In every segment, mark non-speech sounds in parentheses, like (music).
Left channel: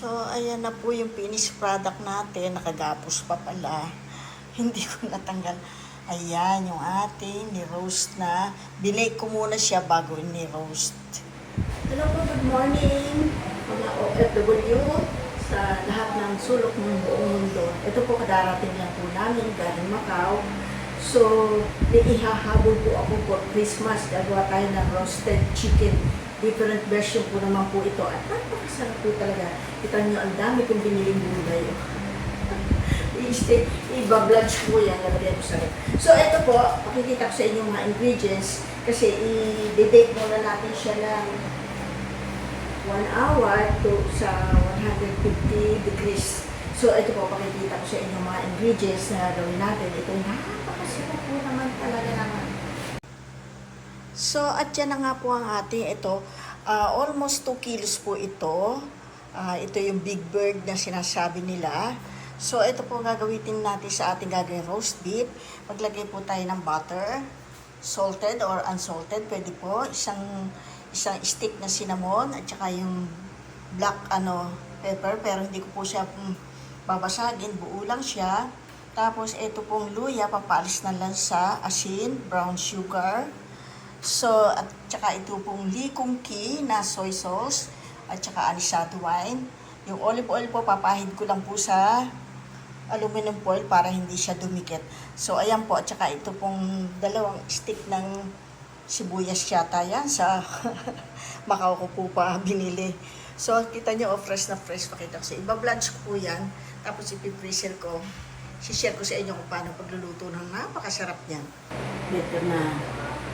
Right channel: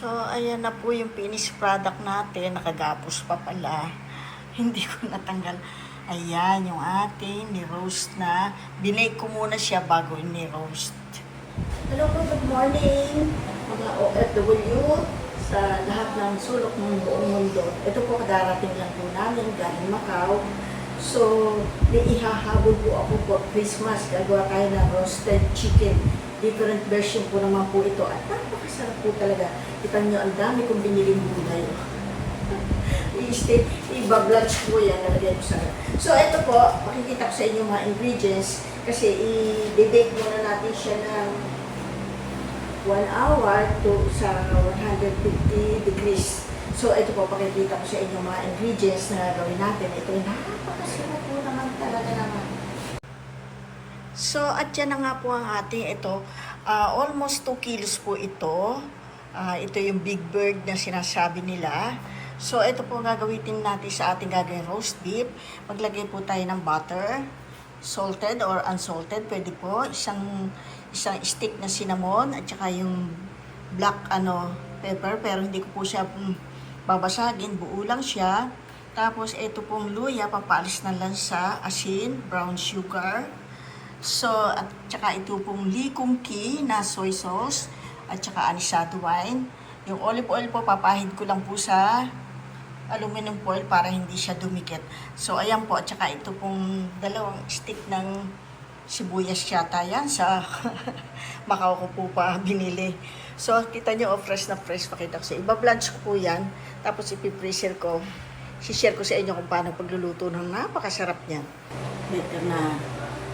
So, ayan na po yung finished product natin. Nakagapos pa pala. (laughs) Hindi ko natanggal. Ayan, yung ating ni-roast na. Binake ko muna siya bago ni-roast. Hello po, good morning. Mga OFW sa lahat ng sulok ng buong mundo. Ito po kadarating lang po namin galing Macau. So, ihahabol po ako for Christmas. Gagawa tayo ng roasted chicken. Different version po naman po ito. At napakasarap po talaga. Kita nyo, ang dami kong biniling gulay. (laughs) I-stay, iba-vlogs po yan. Nalagay ko sa So, ito po, pakikita ko sa inyo mga ingredients. Kasi i-bake muna natin siya ng 1 hour to sa 150 degrees. So, ito po, pakikita ko sa inyo mga ingredients na gawin natin. Ito napakasarap po naman talaga naman. So, at yan na nga po ang ating ito. ah, almost 2 kilos po ito. Ah, ito yung big bird na sinasabi nila. So, ito po gagamitin natin sa ating gagawin roast beef. Maglagay po tayo ng butter. Salted or unsalted, pwede po. Isang, isang stick na cinnamon at saka yung black ano pepper. Pero hindi ko po siya mm, babasagin. Buo lang siya. Tapos, ito pong luya, papalis na lansa, asin, brown sugar, So, at saka ito pong Kung Ki na soy sauce at saka anisado wine. Yung olive oil po, papahid ko lang po sa aluminum foil para hindi siya dumikit. So, ayan po. At saka ito pong dalawang stick ng sibuyas yata yan sa (laughs) Macau ko po pa binili. So, kita nyo, oh, fresh na fresh. Pakita ko sa iba. Blanch ko po yan. Tapos ipipreser ko. Si-share ko sa inyo kung paano pagluluto ng napakasarap niyan. Better na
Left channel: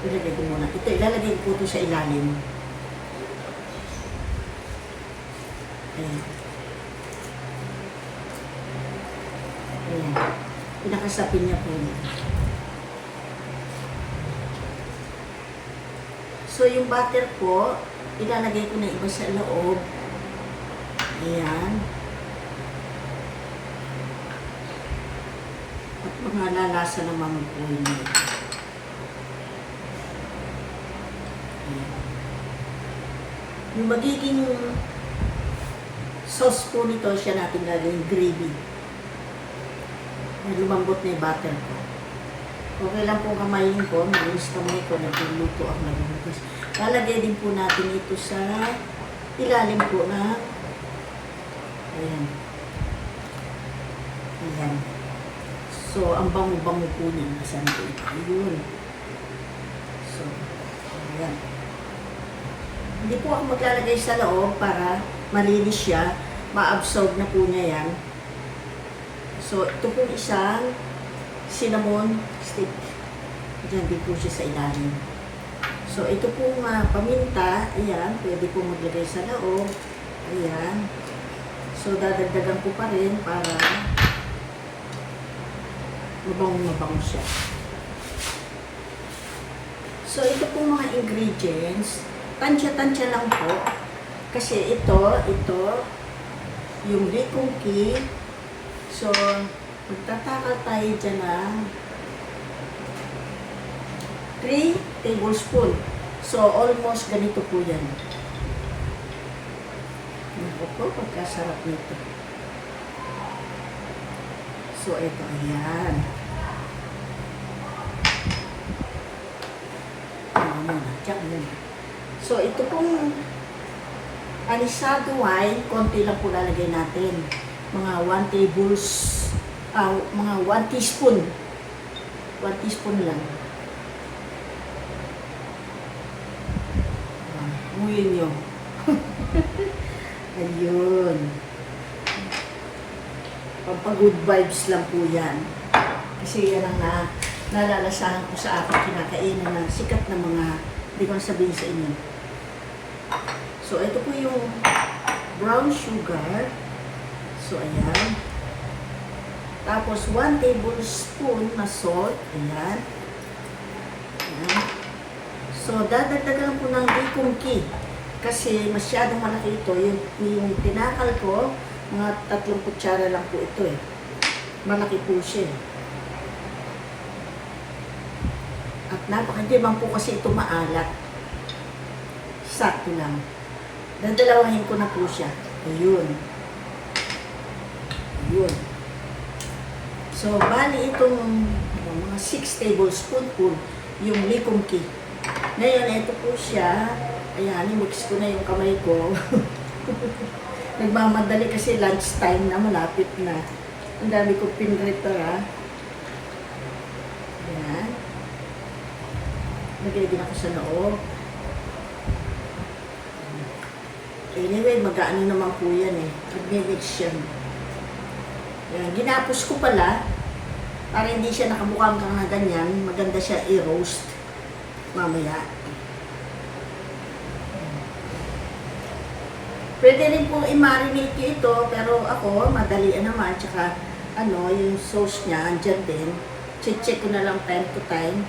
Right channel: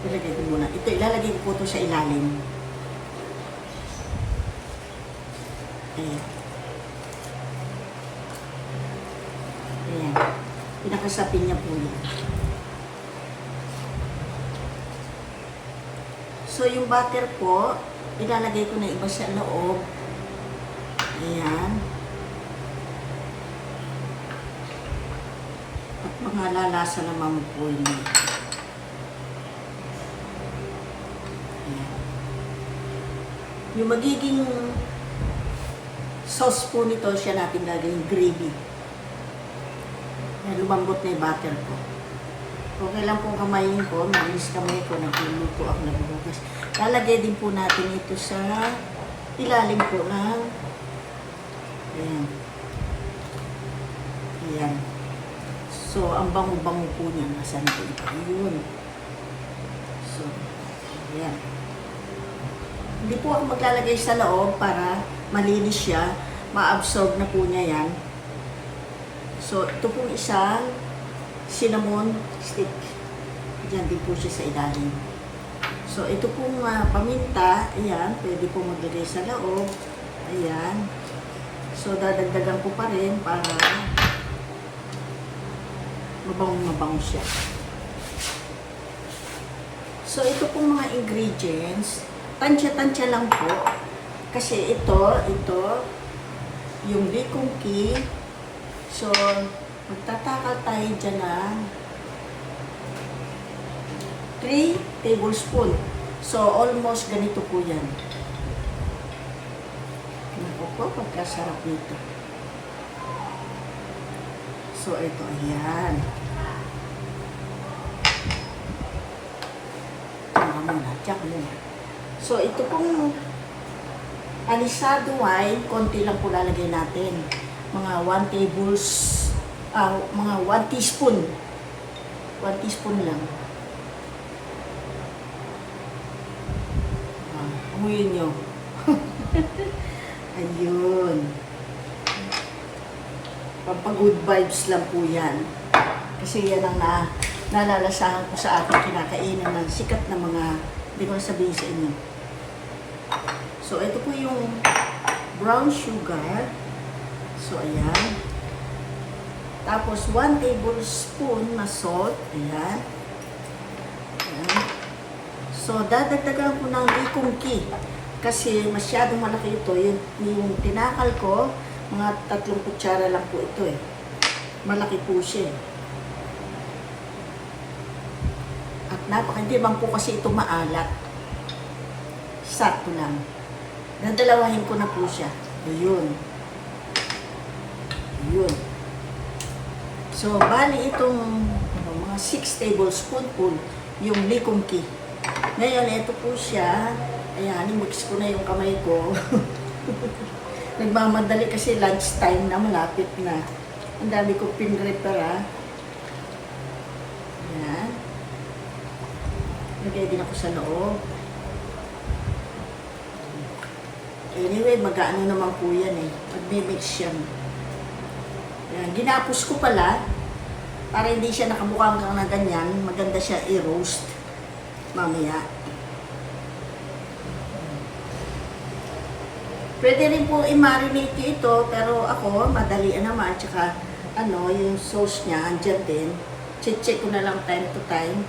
ilagay ko muna. Ito, ilalagay ko po ito sa ilalim. Ayan. Ayan. Pinakasapin niya po yan. So, yung butter po, ilalagay ko na iba sa loob. Ayan. At mga lalasa naman po yun. Yung magiging sauce po nito siya natin gagawin gravy. Yan, lumambot na yung butter ko. Okay lang po kamayin ko, malinis kamay ko, nagluluto ako nagbubukas. Lalagay din po natin ito sa ilalim po ng ayan. Ayan. So, ang bango-bango po niya. Nasaan po ito? Ayun. So, ayan. Hindi po ako maglalagay sa loob para malinis siya. Ma-absorb na po niya yan. So, ito pong isang cinnamon stick. Diyan din po siya sa ilalim. So, ito pong ah, paminta. Ayan, pwede po maglagay sa loob. Ayan. So, dadagdagan ko pa rin para mabango-mabango siya. So, ito pong mga ingredients, tansya-tansya lang po. Kasi ito, ito, yung Bicong Key. So, magtatakal tayo dyan ng 3 tablespoon. So, almost ganito po yan. Naku po, pagkasarap nito. So, ito, ayan. Tama muna, tsak muna. So, ito pong anisado wine, konti lang po lalagay natin. Mga 1 tables, ah, mga 1 teaspoon. 1 teaspoon lang. Ah, amuyin nyo. (laughs) Ayun. Pampag-good vibes lang po yan. Kasi yan ang na, nalalasahan ko sa aking kinakainan ng sikat na mga, hindi ko sabihin sa inyo. So, ito po yung brown sugar. So, ayan. Tapos, 1 tablespoon na salt. Ayan. Ayan. So, dadagdagan ko ng ikungki. Kasi masyadong malaki ito. Yung, yung tinakal ko, mga tatlong kutsara lang po ito eh. Malaki po siya eh. At napakandi man po kasi ito maalat. Sakto lang. Dadalawahin ko na po siya. Ayun. Yun. So, bali itong ano, mga 6 tablespoon full yung likumki. Ngayon, ito po siya. Ayan, mix ko na yung kamay ko. (laughs) Nagmamadali kasi lunch time na, malapit na. Ang dami kong pinrepara. Ayan. Lagay din ako sa loob. Anyway, mag-ano naman po yan eh. Mag-mix yan. Ayan, ginapos ko pala para hindi siya nakabukhang kang na ganyan. Maganda siya i-roast mamaya. Pwede rin po i-marinate ito, pero ako, madali naman. Tsaka, ano, yung sauce niya, andyan din. Check ko na lang time to time.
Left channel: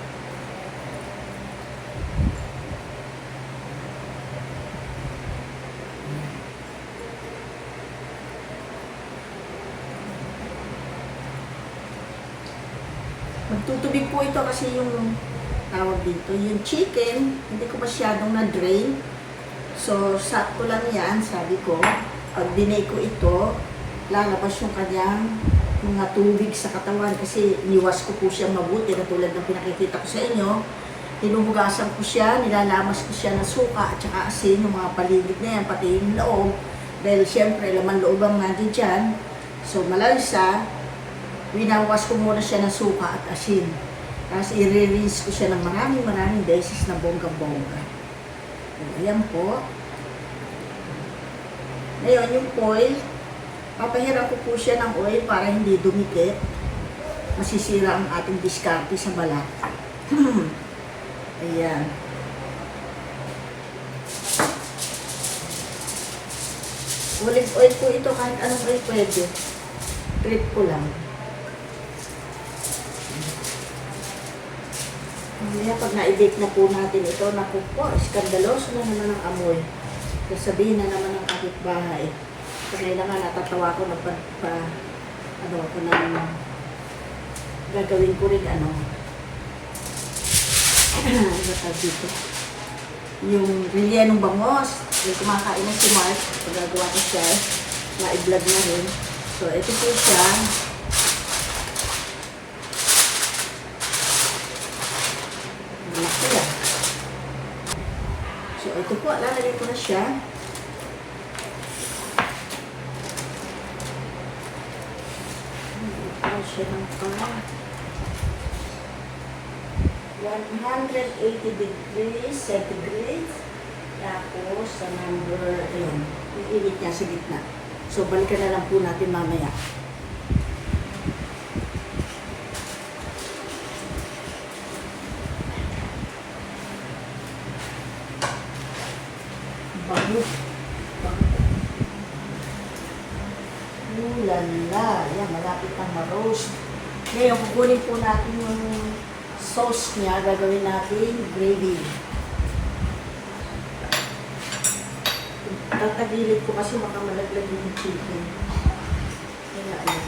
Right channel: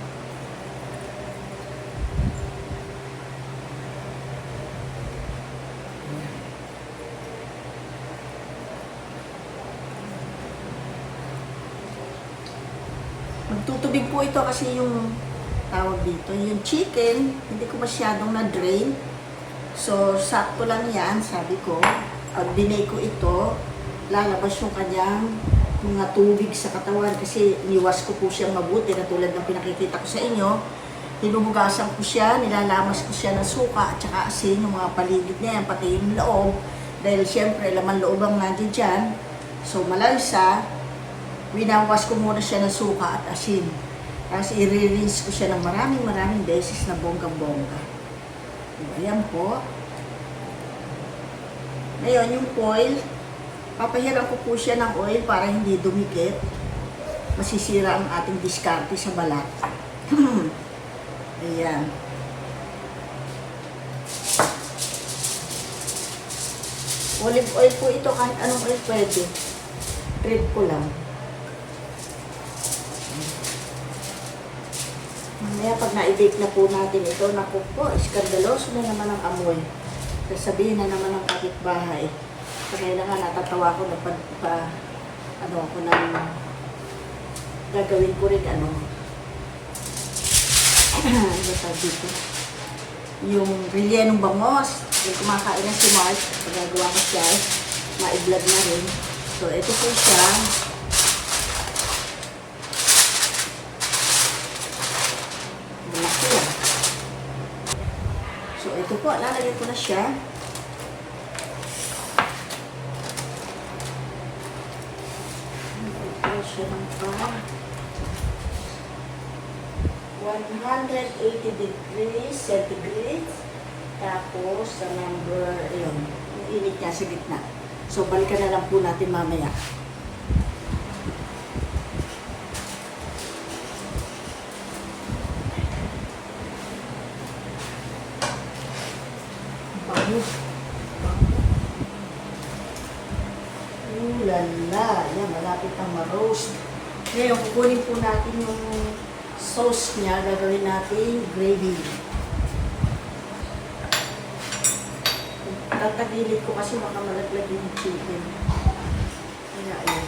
Magtutubig po ito kasi yung tawag dito. Yung chicken, hindi ko masyadong na-drain. So, sakto lang yan, sabi ko. Pag binay ko ito, lalabas yung kanyang mga tubig sa katawan kasi niwas ko po siyang mabuti na tulad ng pinakikita ko sa inyo. Hinuhugasan ko siya, nilalamas ko siya ng suka at saka asin, yung mga paligid na yan, pati yung loob. Dahil siyempre, laman loob ang nandiyan. So, malansa, winawas ko muna siya ng suka at asin. Tapos i-release ko siya ng maraming maraming beses na bongga-bongga. Ayan po. Ngayon, yung foil, papahiram ko po siya ng oil para hindi dumikit. Masisira ang ating diskarte sa balat. (clears throat) Ayan. Olive oil po ito, kahit anong oil pwede. Trip ko lang. Mamaya pag na-bake na po natin ito, naku po, iskandaloso na naman ang amoy. Sasabihin na naman ng kapitbahay. Kaya nga natatawa ko na pa, pa ano ako nang gagawin ko rin ano. (clears throat) ano tawag dito? Yung rilyanong bangos. Yung kumakain na si Mark, pagagawa ko siya, na-vlog na rin. So, ito po siya. Malaki lang. Ito po, lalagay ko na siya. Ito siya ng pan. 180 degrees centigrade. Tapos, sa number, ayun, yung init niya sa gitna. So, balikan na lang po natin mamaya. Bango. Bango. Ulala. Yan, malapit ang ma-roast. Ngayon, kukunin po natin yung sauce niya. Gagawin natin gravy. Tatagilid ko kasi baka malaglag yung chicken. Kaya ayan.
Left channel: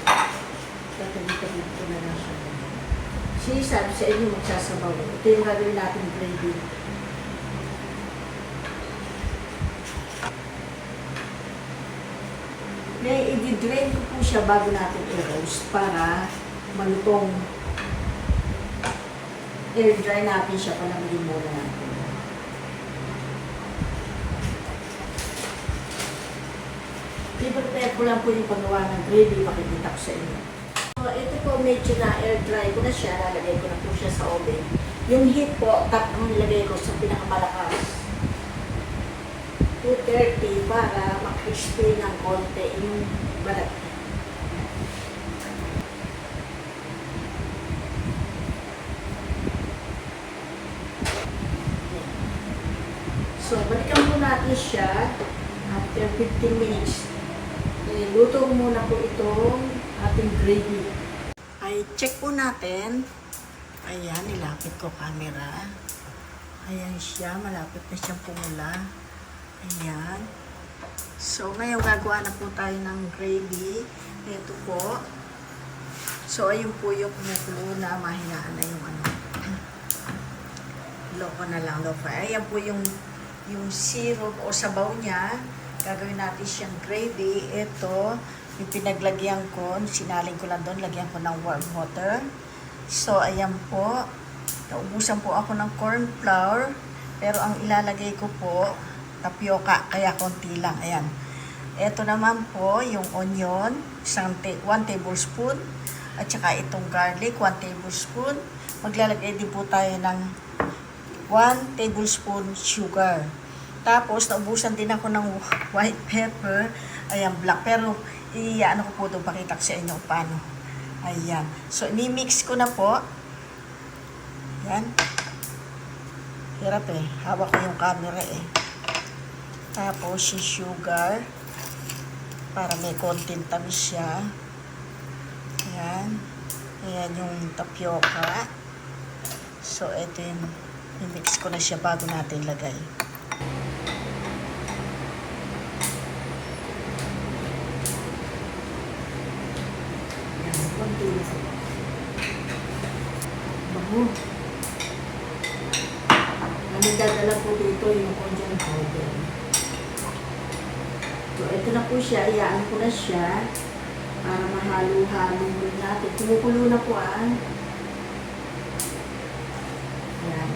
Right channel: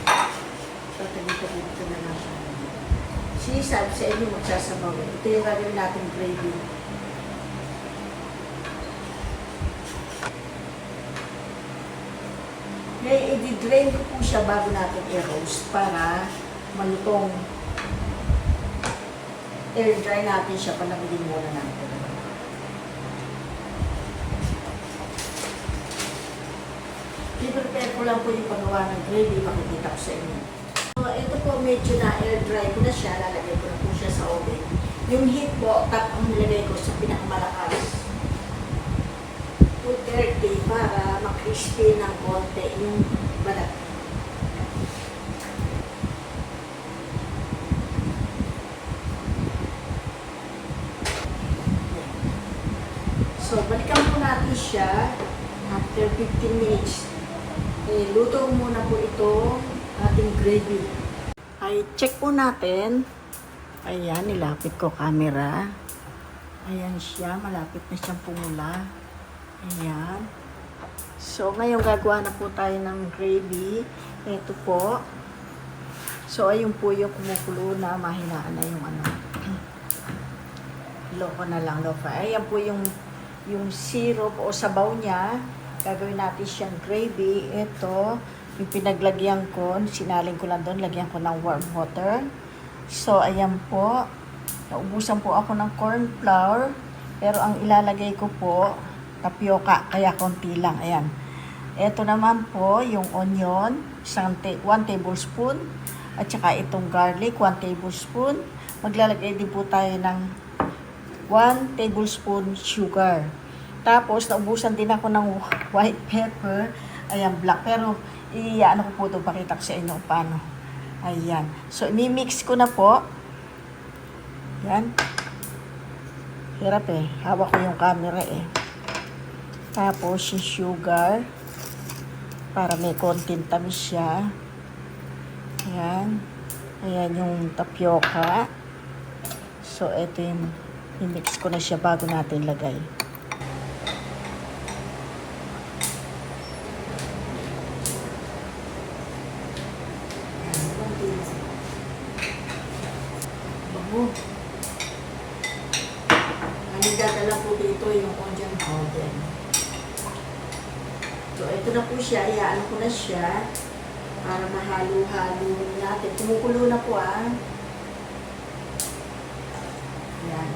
Tatagilid ko na lang siya. Si sabi sa inyo magsasabaw. Ito yung gagawin natin gravy. I-drain ko po siya bago natin i-roast para malutong. Air dry natin siya, panamigin muna natin. I-prepare ko lang po yung paggawa ng gravy, makikita ko sa inyo. So, ito po medyo na air dry ko na siya, lalagay ko na po siya sa oven. Yung heat po, tap ang nilagay ko sa pinakamalakas. 230 para makrispy ng konti yung balat. So, balikan po natin siya after 15 minutes. Okay, luto muna po itong ating gravy. Ay, check po natin. Ayan, nilapit ko camera. Ayan siya, malapit na siyang pumula. Ayan. So, ngayon gagawa na po tayo ng gravy. Ito po. So, ayun po yung kumukulo na mahinaan na yung ano. Loko na lang, fry. Ayan po yung yung syrup o sabaw niya. Gagawin natin siyang gravy. Ito, yung pinaglagyan ko, sinaling ko lang doon, lagyan ko ng warm water. So, ayan po. Naubusan po ako ng corn flour. Pero ang ilalagay ko po, tapioca, kaya konti lang. Ayan. Ito naman po, yung onion, isang ta- 1 tablespoon. At saka itong garlic, 1 tablespoon. Maglalagay din po tayo ng 1 tablespoon sugar. Tapos, naubusan din ako ng (laughs) white pepper. Ayan, black. Pero, i-ano ko po ito, pakita ko sa inyo paano. Ayan. So, ni-mix ko na po. Yan. Hirap eh. Hawak ko yung camera eh. Tapos, yung sugar. Para may konting tamis siya. Ayan. Ayan yung tapioca. So, ito yung mix ko na siya bago natin lagay. Ayan, konti lang. Bago. Ang dadala po dito yung onion powder. Ito na po siya. Iyaan ko na siya para mahalo-halo natin. Kumukulo na po ah. Yan.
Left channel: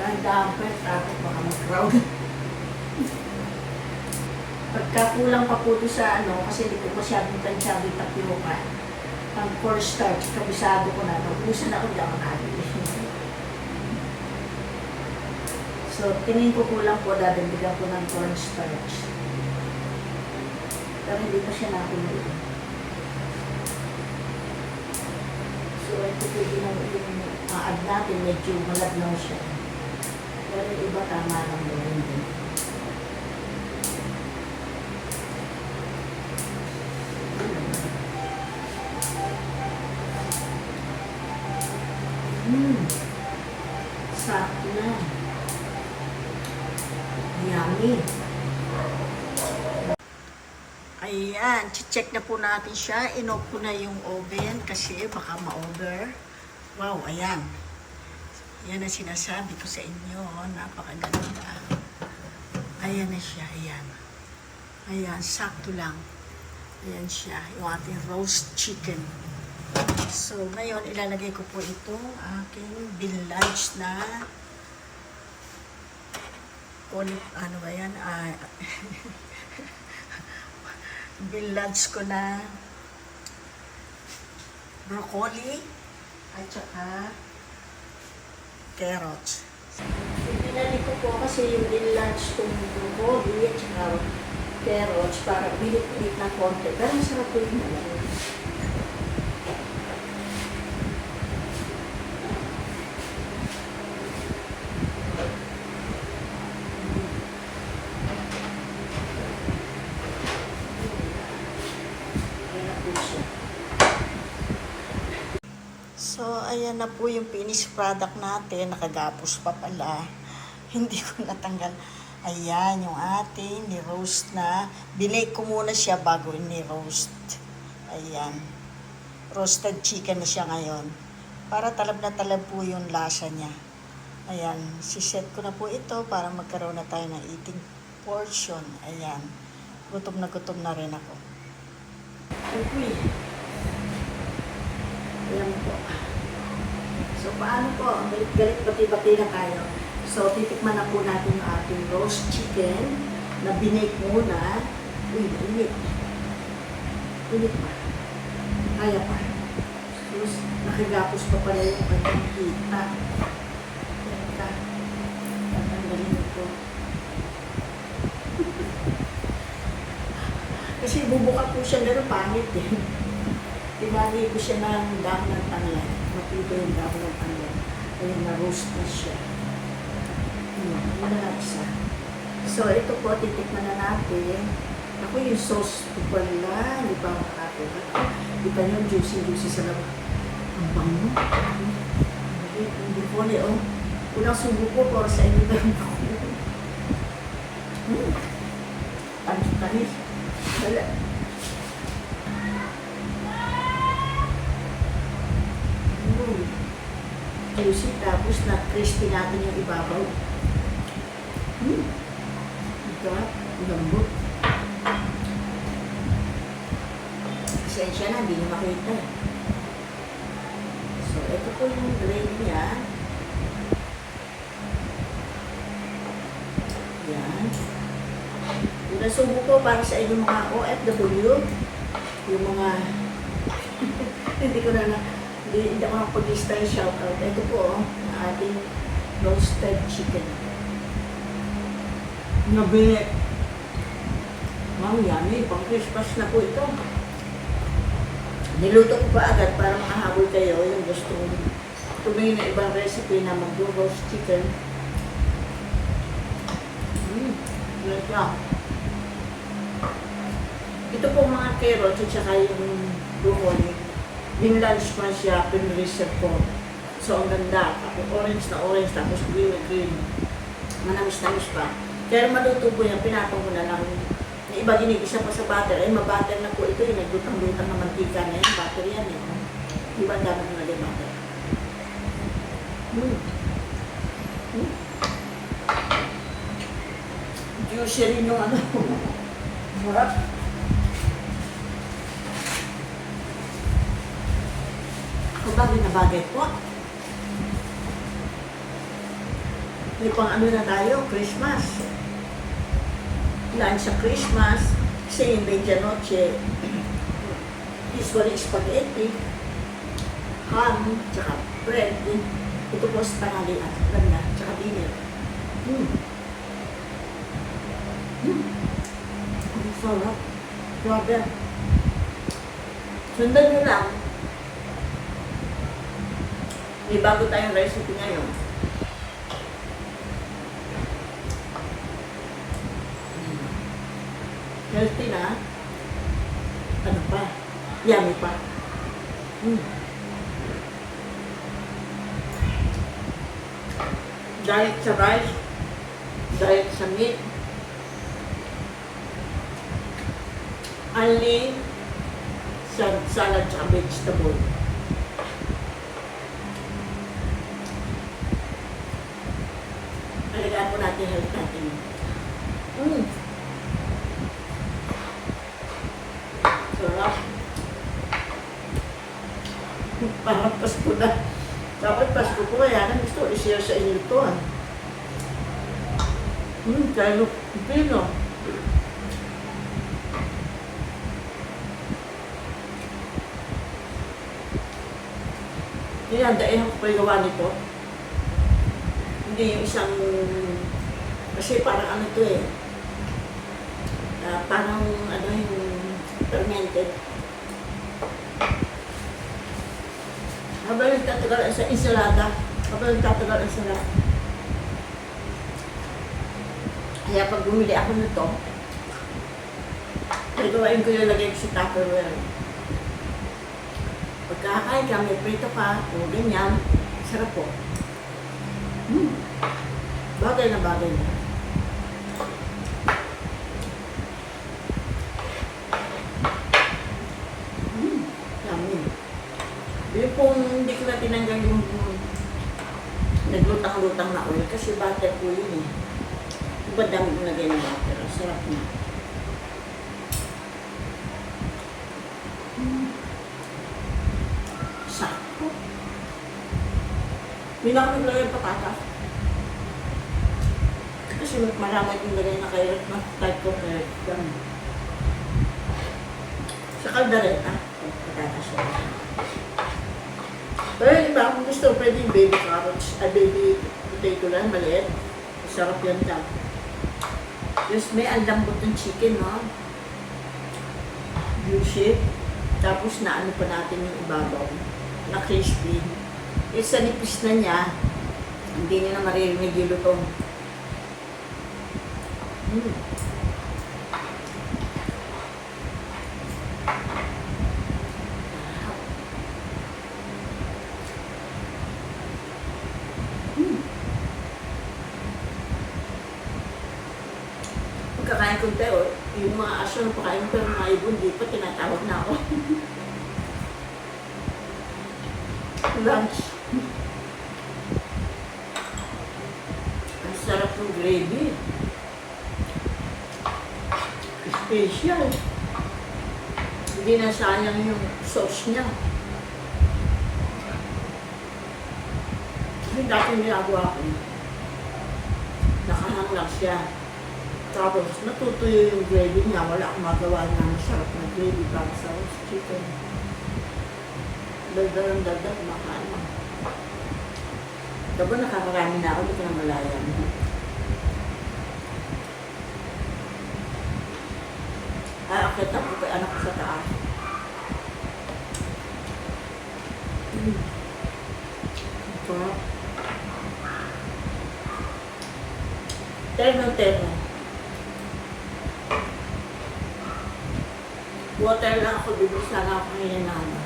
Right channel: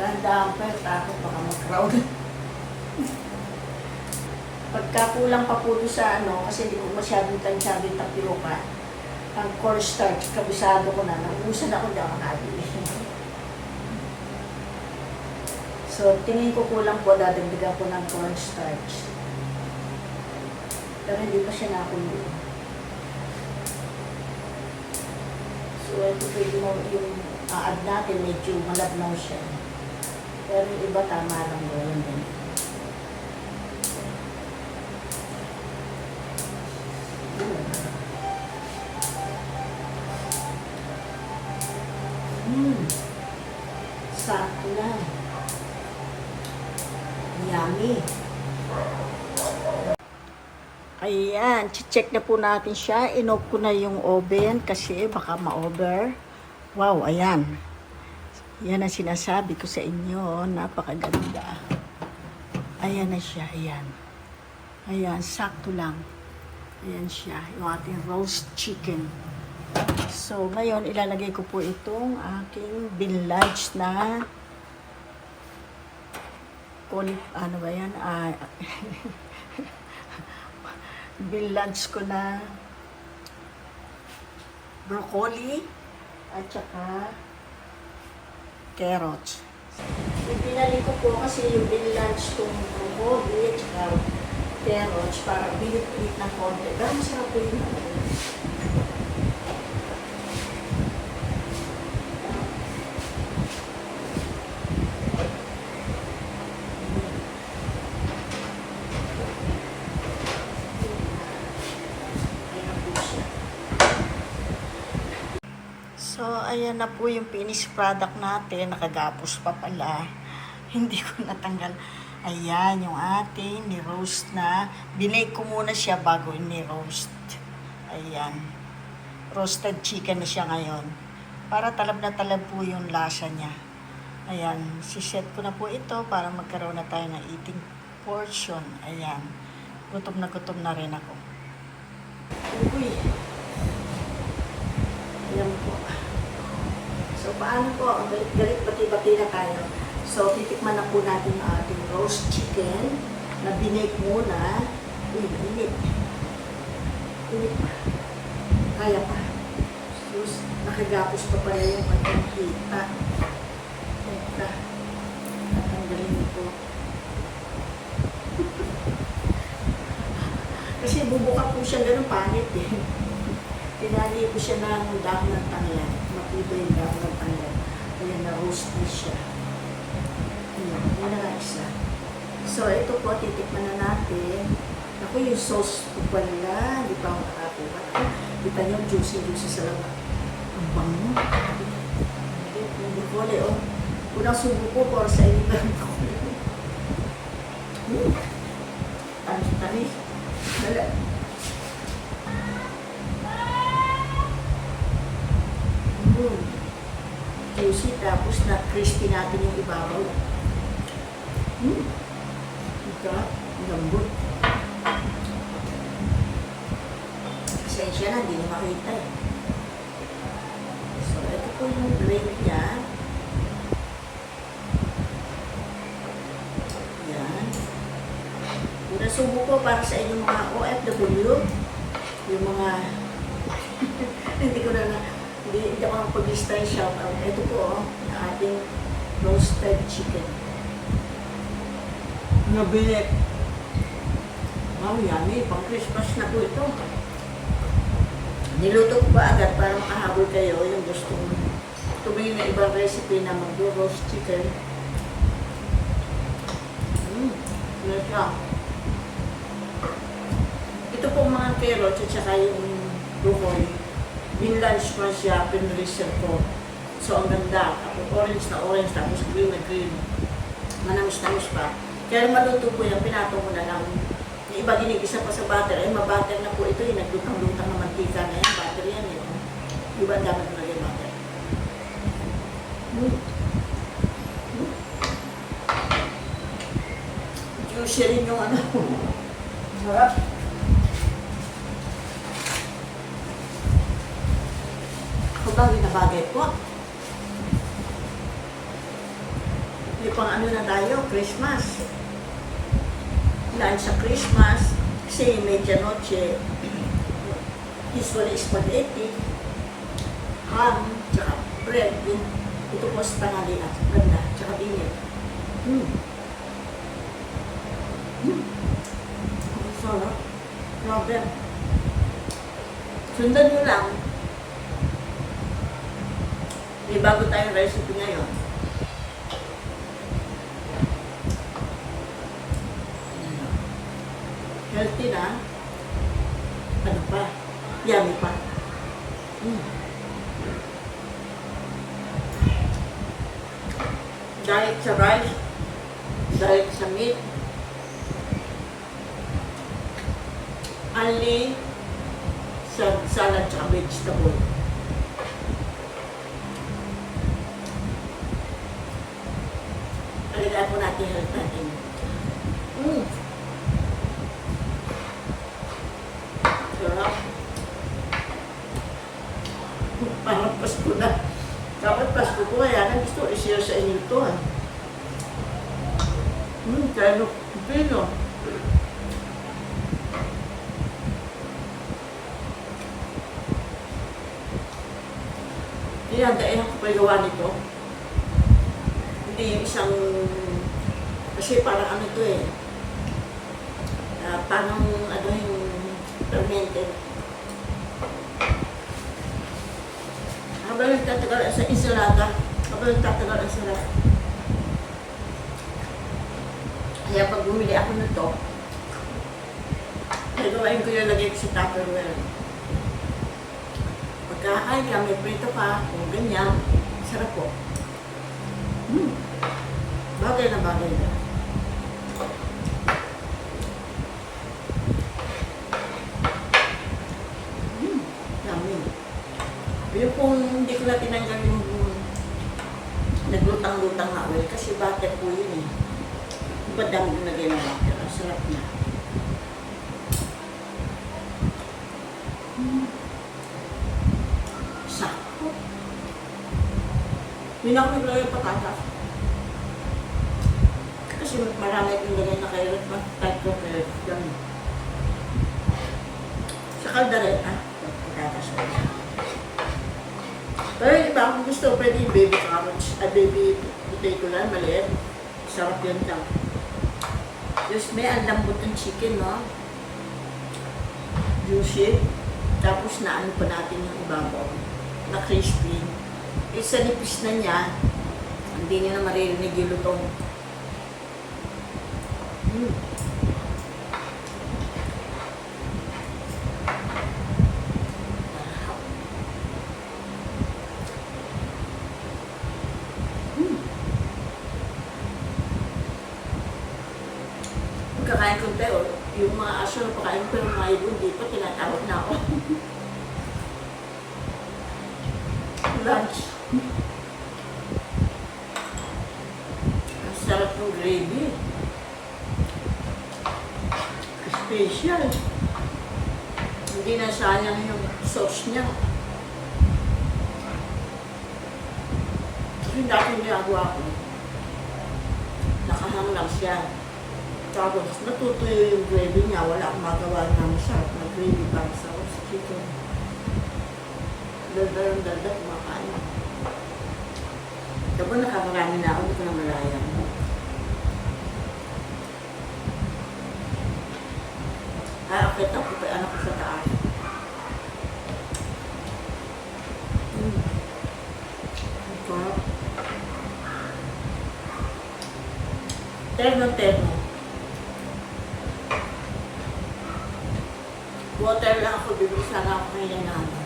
Dahan-dahan pa, takot baka mag-crowd. (laughs) Pagka kulang pa po sa ano, kasi hindi ko masyadong tansyabi tapioca, ang cornstarch, kabisado ko na, naubusan ako dyan makabili. (laughs) so, tingin ko kulang po, dadagdagan ko ng cornstarch. Pero hindi pa siya nakulo. So, ito pwede mo yung aad natin, medyo malabnaw siya. Pero iba tama lang din. Hmm. Sakto na. Yummy. Ayan, check na po natin siya. Inop ko na yung oven kasi baka ma-over. Wow, ayan. Yan ang sinasabi ko sa inyo. Napakaganda. Ayan na siya, ayan. Ayan, sakto lang. Ayan siya, yung ating roast chicken. So, ngayon, ilalagay ko po itong aking binlodge na on, ano ba yan? Ah, (laughs) binlodge ko na broccoli at saka carrots. Pinali ko po kasi yung binlodge kong broccoli at saka carrots para bilit-bilit ng konti. Pero masarap po yung ano. Ayan na po siya. So, ayan na po yung finished product natin. Nakagapos pa pala. (laughs) Hindi ko natanggal. Ayan, yung ating ni-roast na. Binake ko muna siya bago ni-roast. Ayan. Roasted chicken na siya ngayon. Para talab na talab po yung lasa niya. Ayan, siset ko na po ito para magkaroon na tayo ng eating portion. Ayan. Gutom na gutom na rin ako. Uy. Ayan po. So, paano po? Ang galit-galit, bati-bati na tayo. So, titikman na po natin ang ating roast chicken na binake muna. Uy, init. Init pa. Kaya pa. Sus, nakagapos pa pala yung kanyang hita. Hita. Tatanggalin ko. (laughs) Kasi bubuka po siya ganun pangit eh. Tinali ko siya ng dahon ng tanglad. Matibay yung dahon ng tanglad. Ayan, na-roast na siya. Yun na nga isa. So, ito po, titikman na natin. Ako yung sauce ko pala. Hindi pa ako nakakuha. Kita niyo, juicy-juicy sa laman. Ang bango. Yung broccoli, oh. Unang subo ko, para sa inyo ng broccoli. Hmm. Tamis-tamis. Wala. Tapos na crispy natin yung ibabaw. Mm. Sarap. Ang Lambot. Pasensya na, hindi niyo makita eh. So, ito po yung gravy niya. Yan. Nasubo ko para sa inyong mga OFW, yung mga (laughs) hindi ko na na hindi, hindi ako nang pag-lista yung shoutout. Ito po, oh, yung ating roasted chicken. Nabi. Wow, yummy. Pang Christmas na po ito. Niluto ko pa agad para makahabol kayo yung gustong tumingin ng ibang recipe na mag-roast chicken. Mmm, yes siya. Ito po mga carrots at saka yung broccoli. Binlunch ko na siya, pinreserve ko. So, ang ganda. Tapos orange na orange, tapos green na green. Manamis-namis pa. Kaya maluto po yan, pinatong ko na lang. Yung iba ginigisa pa sa butter. Eh, mabutter na po ito. Yung naglutang-lutang na mantika na yan. Butter yan eh. Di ba ang dami ko naging butter? Mm. Mm. Juicy rin yung ano. (laughs) Sarap. Bagay na bagay po. May pang ano na tayo, Christmas. Lunch sa Christmas. Kasi yung medianoche, usually spaghetti, ham, tsaka bread. Ito po sa tangali at ganda, tsaka dinner. Mm. Mm. Ang sarap. Grabe. Sundan nyo lang. May bago tayong recipe ngayon. Healthy na. Ano pa? Yummy pa. Mm. Diet sa rice. Diet sa meat. Only sa salad sa vegetable. Po natin health natin. Mm. Sarap. Parang Pasko na. Dapat Pasko ko kaya nang gusto i-share sa inyo ito. Ah. Hmm, kaya no, pino. Dinadain ako pa gawa nito. Hindi yung isang, kasi parang ano to eh, Ah, parang ano yung fermented. Habang nagtatagal sa ensalada, habang nagtatagal ang sarap. Kaya pag bumili ako nito, gagawain ko yung lagay ko sa Tupperware. Pagkakain ka, may prito ka, o ganyan, sarap po. Hmm. Bagay na bagay na. Hmm. Yummy. Yung kung hindi ko na tinanggal yung naglutang-lutang na oil kasi butter po yun eh. Iba dami ko lagay ng butter. Sarap na. Hmm. Sakto. Hindi na ako naglagay ng patatas. Kasi marami akong lagay na carrot na type ko carrot. Yan. Sa kaldereta, patatas ulit. Pero yung iba, kung gusto, pwede yung baby carrots, ay baby potato lang, maliit. Sarap yan lang. Just may ang ng chicken, no? Juicy. Tapos na ano pa natin yung ibabaw. Na crispy. Isa nipis na niya, hindi niyo na maririnig yung lutong. Mm. Sarap. Mm. Ko tayo, yung mga aso na pakain ko, yung mga ibon, di pa tinatawag na ako. Lunch. Ang sarap ng gravy. Special. Hindi na sayang yung sauce niya. Kasi dati ginagawa ko, nakahang lang siya. Tapos natutuyo yung gravy niya, wala akong magawa na masarap na gravy para sa roast chicken. Daldal ang daldal, kumakain. Tapos nakakarami na ako, hindi ko na malayang. Aakit ako pa anak ko sa taas. Mm. Ang sarap. Terno, terno. Water lang ako, bibili sana ako ngayon na ano.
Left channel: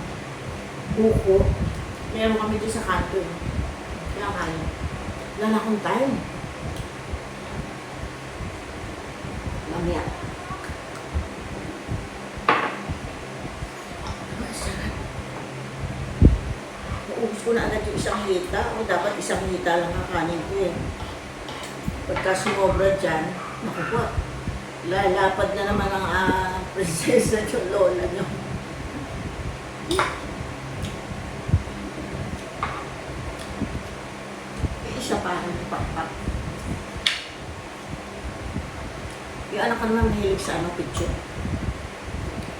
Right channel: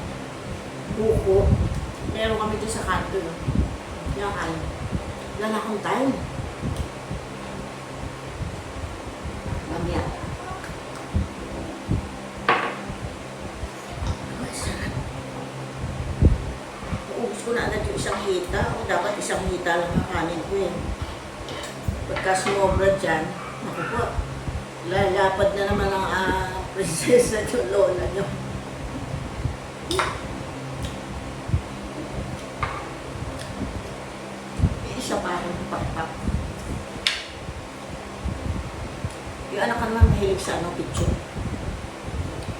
Buko. Meron kami dyan sa kanto. No? Kaya kaya. Wala na akong time. Mamaya. Ang sarap. Uubos ko na agad yung isang hita. O dapat isang hita lang ang kanin ko eh. Pagka sumobra dyan, naku po, lalapad na naman ang ah, (laughs) prinsesa yung lola niyo. Yung isa parang pakpak. Yung anak ko naman mahilig sa ano, picture.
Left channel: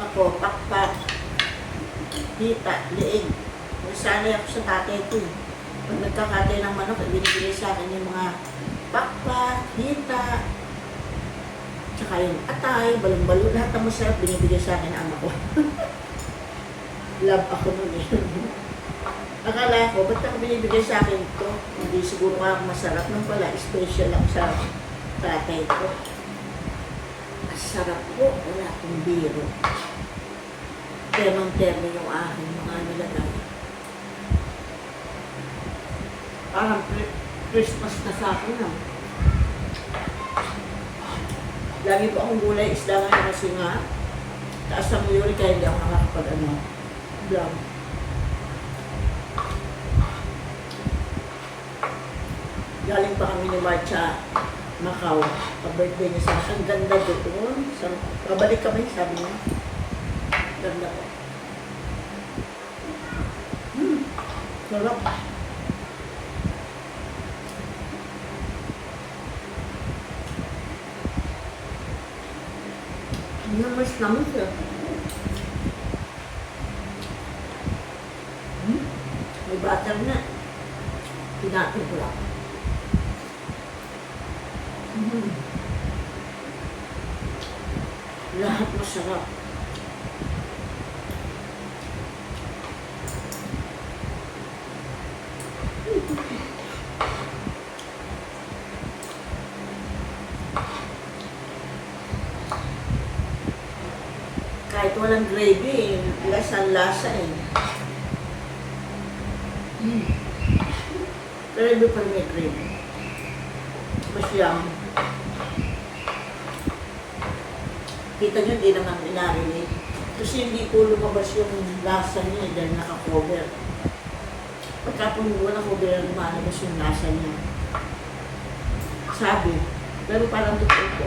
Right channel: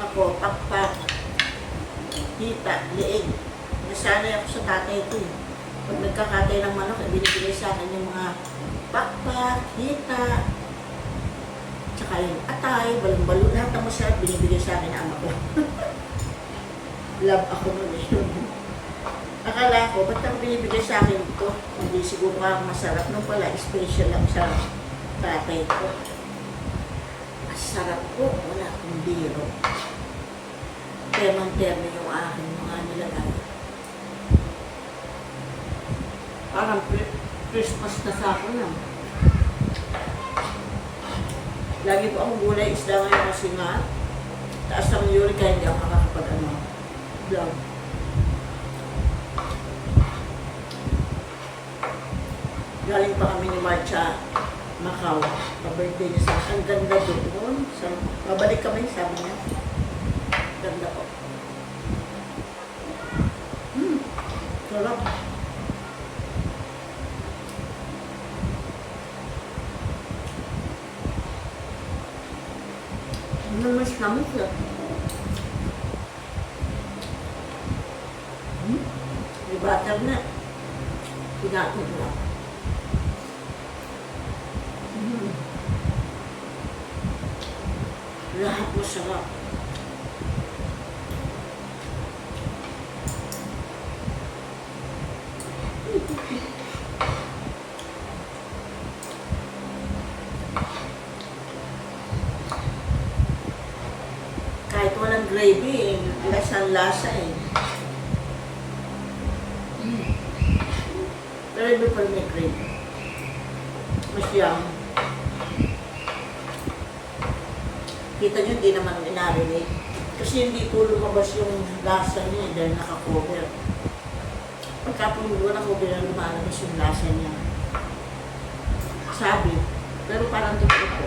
Ako, pakpak, hita, liig. Nasanay ako sa tatay ko eh. Pag nagkakatay ng manok, binibigay sa akin yung mga pakpak, hita, tsaka yung atay, balong-balo, lahat ng masarap binibigay sa akin ng ama ko. (laughs) Love ako nun eh. (laughs) Akala ko, ba't ako binibigay sa akin to? Hindi siguro nga masarap nung pala, special lang sa tatay ko. Ang sarap po, wala akong biro. Termong-termo yung aking mga nilagay. Parang Christmas na sa akin na. Lagi po akong gulay isda ngayon kasi nga taas ang uric kaya hindi ako nakakapag ano, vlog. Galing pa kami ni Marcha Macau. Pa-birthday niya sa Ang ganda doon. Sa, babalik kami, sabi niya. Ganda po. Hmm. Sarap. Namas naman siya. Hmm? May butter na. Pinatin ko lang. Hmm. Lahat masarap. Kahit walang gravy, eh, lasang-lasa eh. Mm. Pero iba pa rin may gravy. Mas yum. Kita nyo, hindi naman inarinate. Kasi hindi po lumabas yung lasa niya eh, dahil naka-cover. Pagka po hindi wala cover, lumalabas yung lasa niya. Sabi. Pero parang totoo po.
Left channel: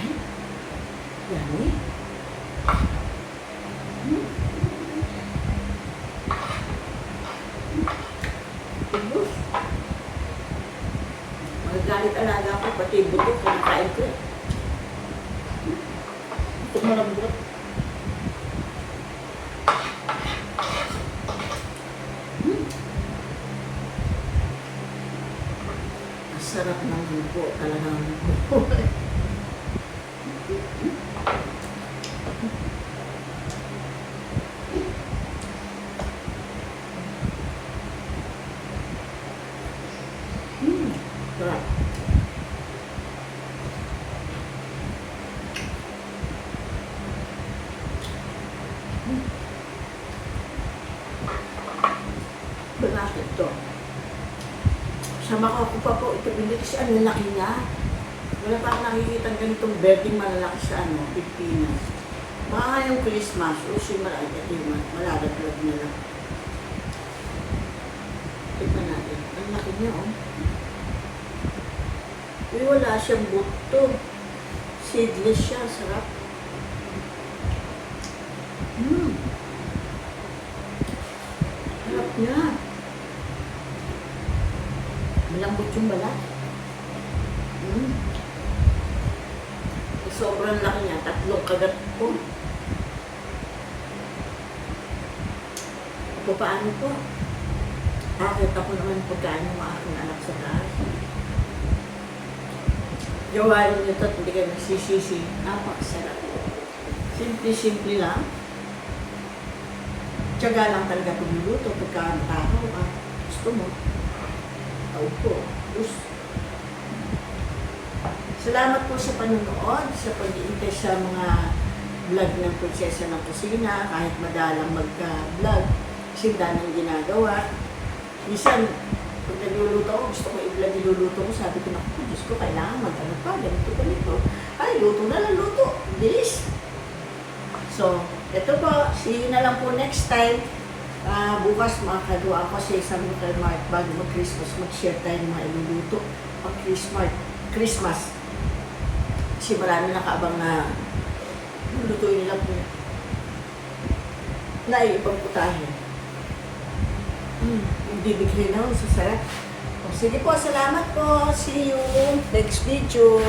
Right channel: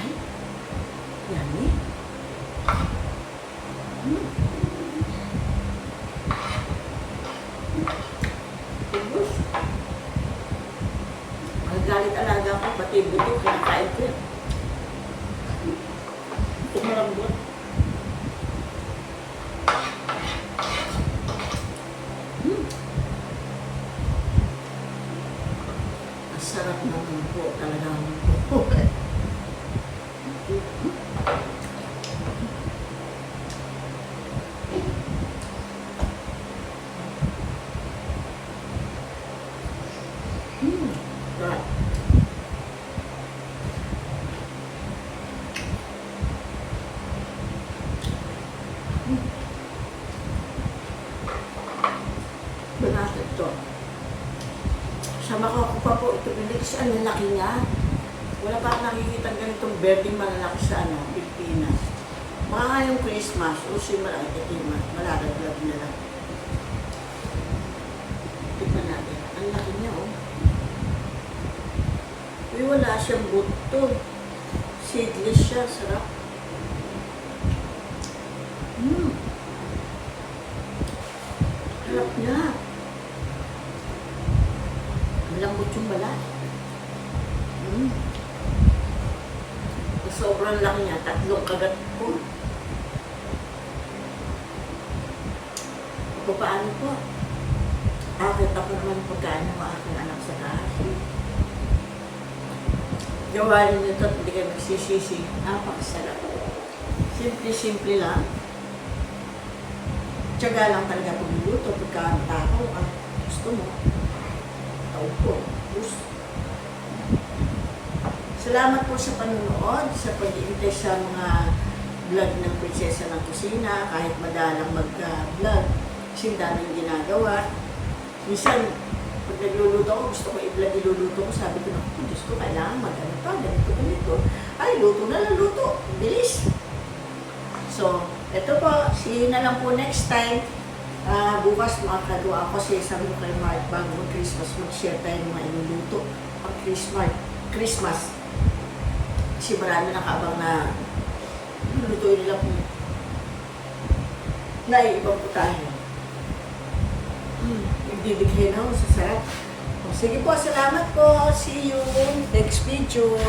Ay, yan eh. Hmm. Ubus. Magagalit alaga ko, pati buto, kinakain ko yan. Ito malambot. Hmm. Ang sarap ng buko, talagang buko. (laughs) Hmm. Sarap. Bakit to? Sa Macau ko pa po ito binili kasi ano laki niya. Wala pa akong ganitong birding malalaki sa ano, Pilipinas. Baka nga yung Christmas, o si malaki, ito yung mal- malalaglag na lang. Tignan natin. Ang laki niya, oh. Uy, wala siyang buto. Seedless siya, sarap. Mmm. Harap niya. Malambot yung balat. Mm. Sobrang laki niya. Tatlong kagat ko. O paano po? Akit ako naman pagkain ng aking anak sa taas. Gawain niyo to at hindi kayo magsisisi. Napakasarap. Simple-simple lang. Tiyaga lang talaga pagluluto pagka tao. Ah, gusto mo. Tao po. Gusto. Salamat po sa panunood, sa pag-iintay sa mga vlog ng Prinsesa ng Kusina, kahit madalang mag-vlog, kasi daming ginagawa. Minsan, pag nagluluto ako, gusto ko i-vlog iluluto ko, sabi ko, naku, Diyos ko, kailangan mag-ano pa, ganito, ganito. Ay, luto na lang, luto. Bilis. So, ito po, see you na lang po next time. Ah, bukas makakagawa ako sabi ko kay Mark, bago mag-Christmas, mag-share tayo ng mga iluluto pang Christmas. Christmas. Kasi marami nakaabang na lulutuin nila po na ibang putahe. Mm, ibibigay na ako sa sarap. Sige po, salamat po. See you next video.